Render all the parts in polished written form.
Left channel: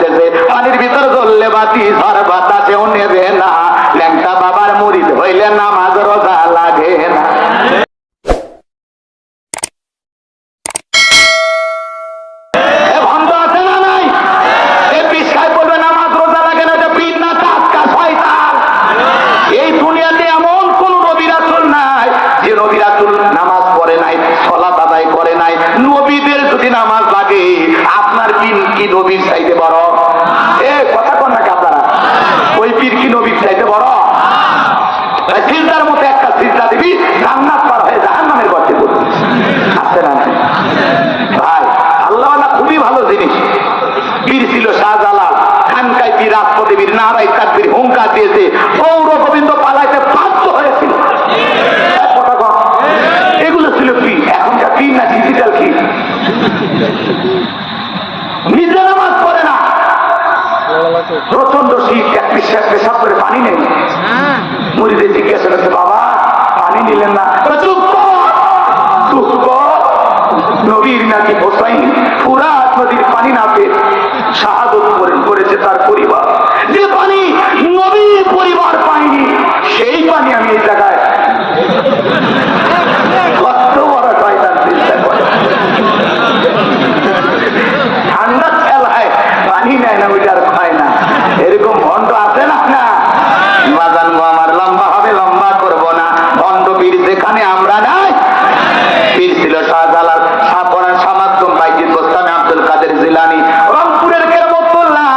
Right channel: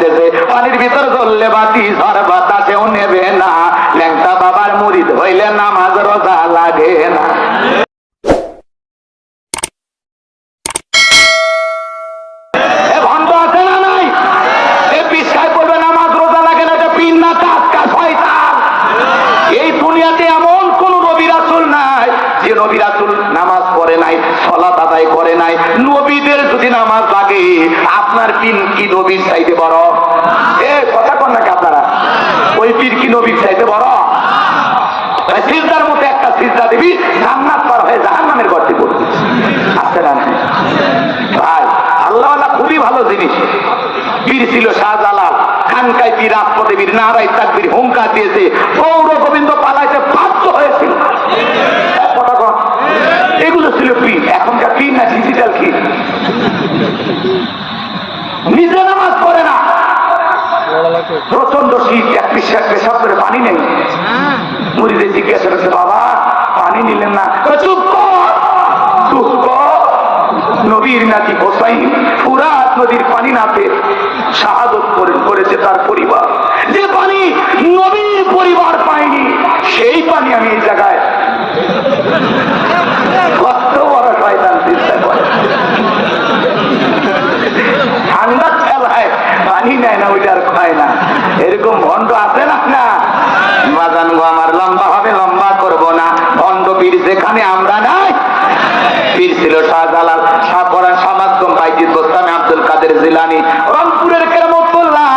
যাইতেছে, পানির ভিতর জ্বললে বাতি ঝড় বাতাসেও নেবে না। ল্যাংটা বাবার মুরিদ হইলে নামাজ রোজা লাগে না। নবীদের যদি নামাজ লাগে, আপনার পীর কি নবীর চাইতে বড়? এ কথা কোন নাকি আপনারা? ওই পীর কি নবীর চাইতে বড়? সিজদার মতো একটা সিজদা দিবি, জান্নাত পার হয়ে জাহান্নামের গর্তে পড়বি। আছে না ভাই? আল্লাহ খুবই ভালো জিনিস। পীর ছিল শাহজালাল, খানকায় পীর রাষ্ট্রদেবীর নারাই তাকবীর হুঙ্কার দিয়েছে, পৌর গোবিন্দ পালাইতে বাধ্য হয়েছিল। এগুলো ছিল পীর। এখনকার পীর না ডিজিটাল কি? নিজে নামাজ পড়ে না, প্রচন্ড শীত, এক পেশাব করে পানি নেই। মুরিদে জিজ্ঞাসা করছে, বাবা পানি নিলেন না? নবীর নাকি হোসাইন ফুরাত নদীর পানি না পেয়ে শাহাদত করেছে তার পরিবার। যে পানি নবীর পরিবার পায়নি, সেই পানি আমি এই জায়গায় ঠান্ডা খেলায় পানি নেয় না, ওইটা আর খায় না। এরকম ভণ্ড আছে না? না বাজান গো আমার লম্বা হবে, লম্বা করবো না। ভণ্ড পীর যেখানে আমরা নাই। পীর ছিল শাহজালাল, শাহপরান, শামাদ্দুম, বাইজিদ বোস্তামি, আব্দুল কাদের জিলানী, রংপুরের কেরামতুল্লাহ,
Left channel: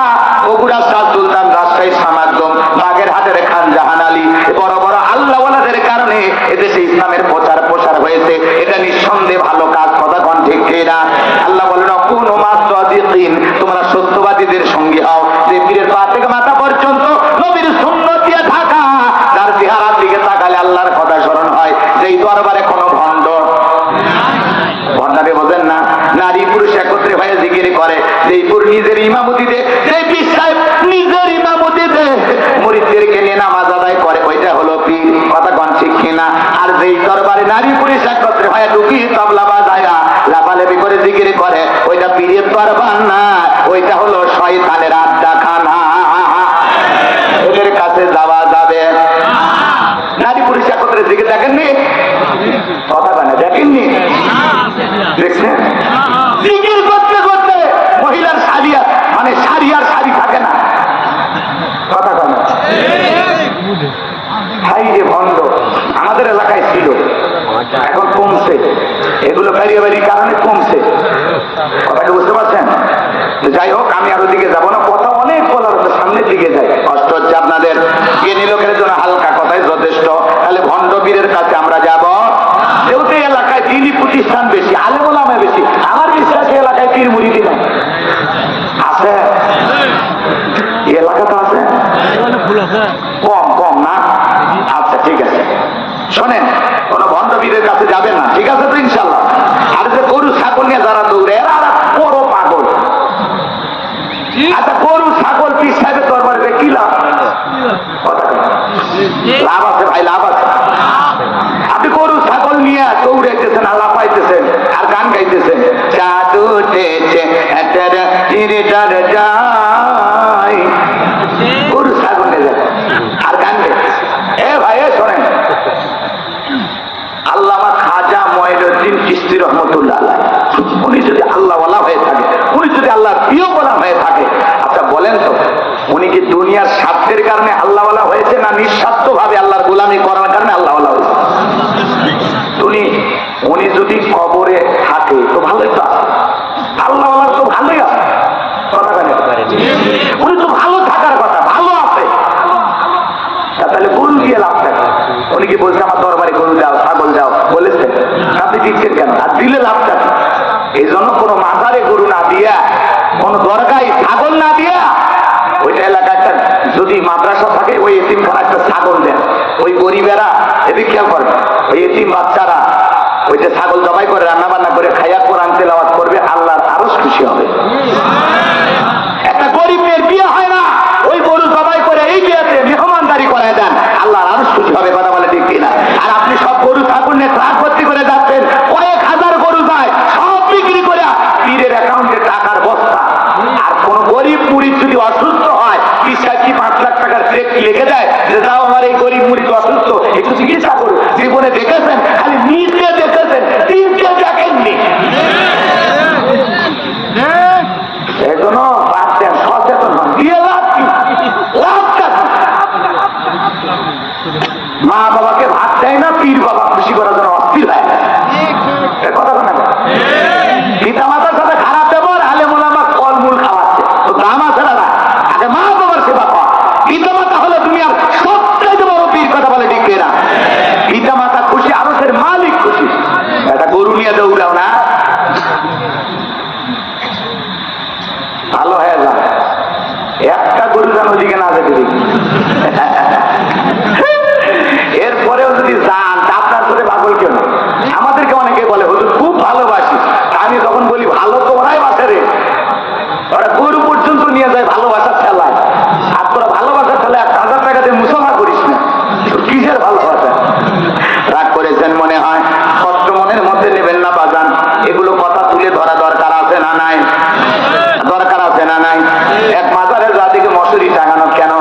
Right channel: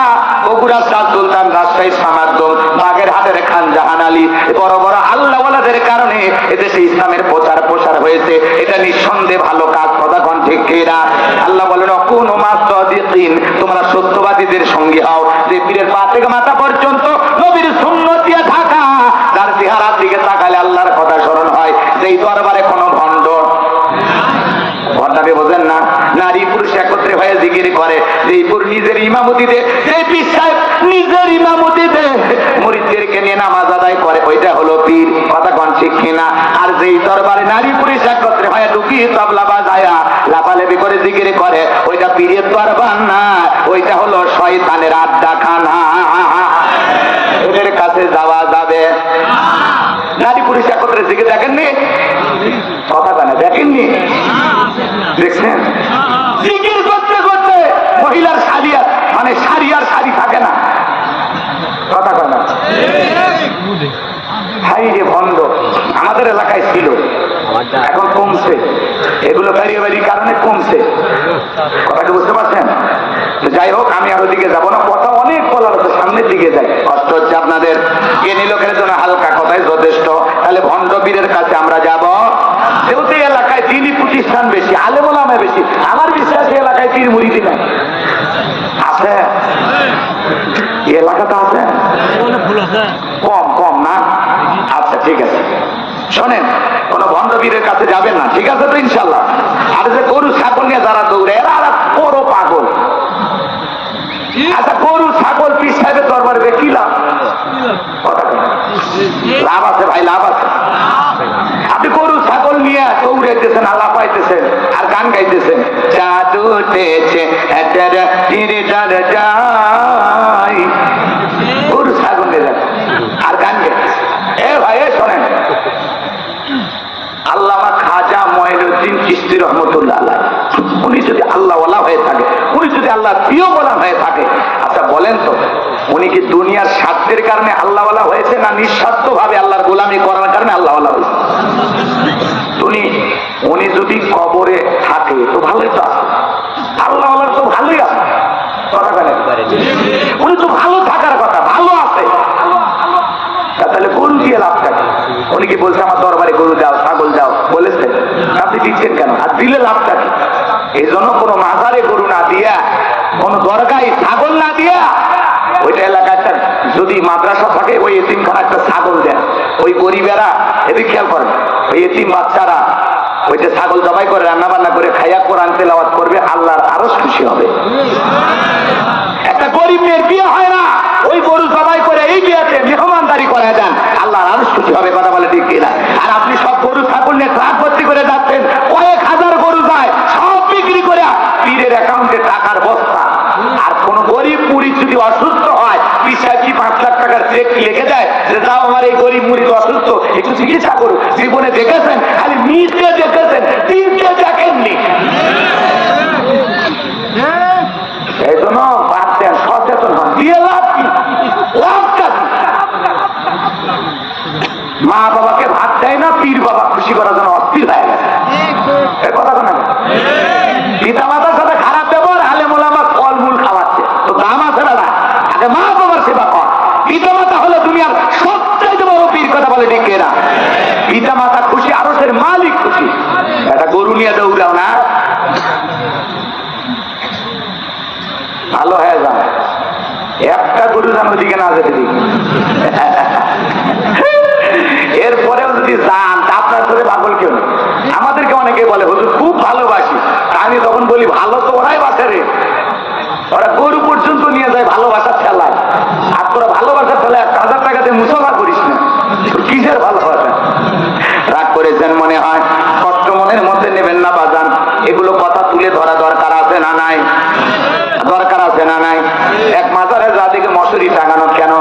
বগুড়া শাহ সুলতান, রাজশাহী শামাদ্দুম, বাগেরহাটের খান জাহান আলী। বড় বড় আল্লাহওয়ালাদের কারণে এদেশে ইসলামের প্রচার হয়েছে। এটা নিঃসন্দেহে ভালো কাজ। কথা কোন ঠিক কিনা? আল্লাহ বলেন, অকুনু মা সাদিকিন, তোমরা সত্যবাদীদের সঙ্গে হও। যে পীরের পা থেকে মাথা পর্যন্ত নবীর সুন্নাত দিয়ে ঢাকা, যার চেহারার দিকে তাকালে আল্লাহর কথা স্মরণ হয়। যেই দরবারে কোনো ভণ্ড ভণ্ডামি বোঝেন না, নারী পুরুষ একত্রে হয়ে জিকির করে, যেই পুরুষ নিজের ইমামতি দে, যেই পীর সাহেব নিজের ইমামতি দে, মুরিদদেরকে নিয়ে নামাজ আদায় করে, ওইটা হলো পীর। কথা কোন ঠিক কিনা? আর যেই দরবারে নারী পুরুষ একত্রে হয়ে লুকিয়ে তবলা বাজায়া লাফালাফি করে জিকির করে, ওইটা পীরের দরবার না, ওইটা হলো শয়তানের আড্ডাখানা। এদের কাছে যাওয়া যাবে? নারী পুরুষ একত্রে জিকির দেখেননি? কথা কেন দেখেননি? দেখছেন? জিকির করতে করতে মহিলার শাড়ি, মানে শাড়ি আর শাড়ি থাকে না। কথা কেন? হাই রে ভণ্ড। আমাদের এলাকায় ছিল, এখন কমছে। এগুলো বাড়ি বাড়ির কারণে কমছে। কথাটা বুঝতে পারছেন? যাই হোক, আমি আর ওদিকে যাবো না, কথা অনেক বলার হচ্ছে, সামনের দিকে যাই। কষ্ট হচ্ছে আপনাদের। জ্ঞানী লোকের জন্য হালকা কথাই যথেষ্ট। তাহলে ভণ্ড পীরের কাছে আমরা যাব। যেহেতু এলাকায় দিনই প্রতিষ্ঠান বেশি, আলেম ওলামা বেশি, আমার বিশ্বাস এলাকায় পীর মুরিদি নাই। আছে এলাকা তো আছে, কম কম না? আচ্ছা ঠিক আছে, শোনেন, কোন ভণ্ড পীরের কাছে যাবেন না, ঠিক আছে তো ইনশাল্লাহ। আর যে গরু ছাগল নিয়ে যারা দৌড়ে, এরা বড় পাগল। আচ্ছা গরু ছাগল পীর সাহেবের দরবারে কি লাভ? লাভ আছে ভাই, লাভ আছে। আপনি গরু ছাগল নিয়ে দৌড়াইতেছেন, আল্লাহ পাইতেছেন আর গান গাইতেছেন, জাদু উঠেছে গরু ছাগল নিয়ে আর গান গাইতেছে। এ ভাই শোনেন, আল্লামা খাজা মঈনুদ্দিন চিশতি রহমতুল্লাহ আলাইহ, উনি যদি আল্লাহওয়ালা হয়ে থাকে, উনি যদি আল্লাহর প্রিয় গোলাম হয়ে থাকে, আচ্ছা বলেন তো, উনি কি দুনিয়ার স্বার্থের কারণে আল্লাহওয়ালা হয়েছে, না নিঃস্বার্থ ভাবে আল্লাহর গোলামি করার কারণে আল্লাহওয়ালা হয়েছে? উনি যদি কবরে থাকে তো ভালোই তো আছে, আল্লাহওয়ালার তো ভালোই আছে। উনি তো ভালো থাকার কথা, ভালো আছে, তাহলে গরু দিয়ে লাভ থাকে? উনি কি বলছে আমার দরবারে গরু যাও, ছাগল যাও বলেছেন? আপনি দিচ্ছেন কেন? আর দিলে লাভ থাকে। এই জন্য কোনো মাজারে গরু না দিয়া, কোন দরগায় ছাগল না দিয়া, ওইটা এলাকায় যদি মাদ্রাসা থাকে, ওই এতিমখানা একটা ছাগল দেন, ওই গরিবেরা এদিকে খেয়াল করে, ওই এতিম বাচ্চারা ওই যে ছাগল জবাই করে রান্না বান্না করে খাইয়া কোরআন তেলাওয়াত করবে, আল্লাহর আরো খুশি হবে। একটা গরিব মেয়ের বিয়ে হয় না, ওই গরু জবাই করে এই বিয়েতে মেহমানদারি করায় দেন, আল্লাহর আরো খুশি হবে। কথা বলে ঠিক কিনা? আর আপনি সব গরু ছাগল নিয়ে ট্রাক ভর্তি করে যাচ্ছেন, কয়েক হাজার গরু যায়, সব বিক্রি করে পীরের অ্যাকাউন্টে টাকার বস্তা। আর কোন গরিব মুরিদ যদি অসুস্থ হয় পিসায় কি 5 লাখ টাকার চেক লিখে দেয় যে যাও আমার এই গরিব মুরিদ অসুস্থ একটু চিকিৎসা করুন? জীবনে দেখেছেন? খালি নিচে দেখেছেন, তিনটে দেখেননি। এই জন্য বাদ দেন, সচেতন হন। দিয়ে লাভ কি? লাভটা কি? মা বাবাকে ভাত দেয় না, পীর বাবা খুশি করার জন্য অস্থির হয়ে গেছে। কথা শোনা, পিতা মাতার সাথে খারাপ ব্যবহার, আলেম ওলামা ফলমূল খাওয়াচ্ছে, তো দাম আছে না? আগে মা বাবার সেবা কর। পিতা মাতা হলো দুনিয়ার সবচাইতে বড় পীর, কথা বলে ঠিক না? পিতা মাতা খুশি, আরশের মালিক খুশি। একটা গরু নিয়ে দৌড়াও না, ভালো হয়ে যান। একটা গরু যেন ওদিকে না যেতে দেখি। এরপরেও যদি যান আপনার সাথে পাগল কেউ না। আমাদেরকে অনেকে বলে হুজুর খুব ভালোবাসি, আমি তখন বলি ভালো তো ওরাই বাসে রে, ওরা গরু পর্যন্ত নিয়ে যায় ভালোবাসার ঠেলায়। আর তোরা ভালোবাসার ঠেলায় 1,000 টাকা দিয়ে মুসাফা করিস না, কিসের ভালোবাসা? রাগ করেছেন মনে হয়, কষ্ট মনের মধ্যে নেবেন না বাজান। এগুলো কথা তুলে ধরা দরকার আছে না নাই? দরকার আছে না নাই? এক মাজারে যা দিকে মশুরি টাঙানো কেন?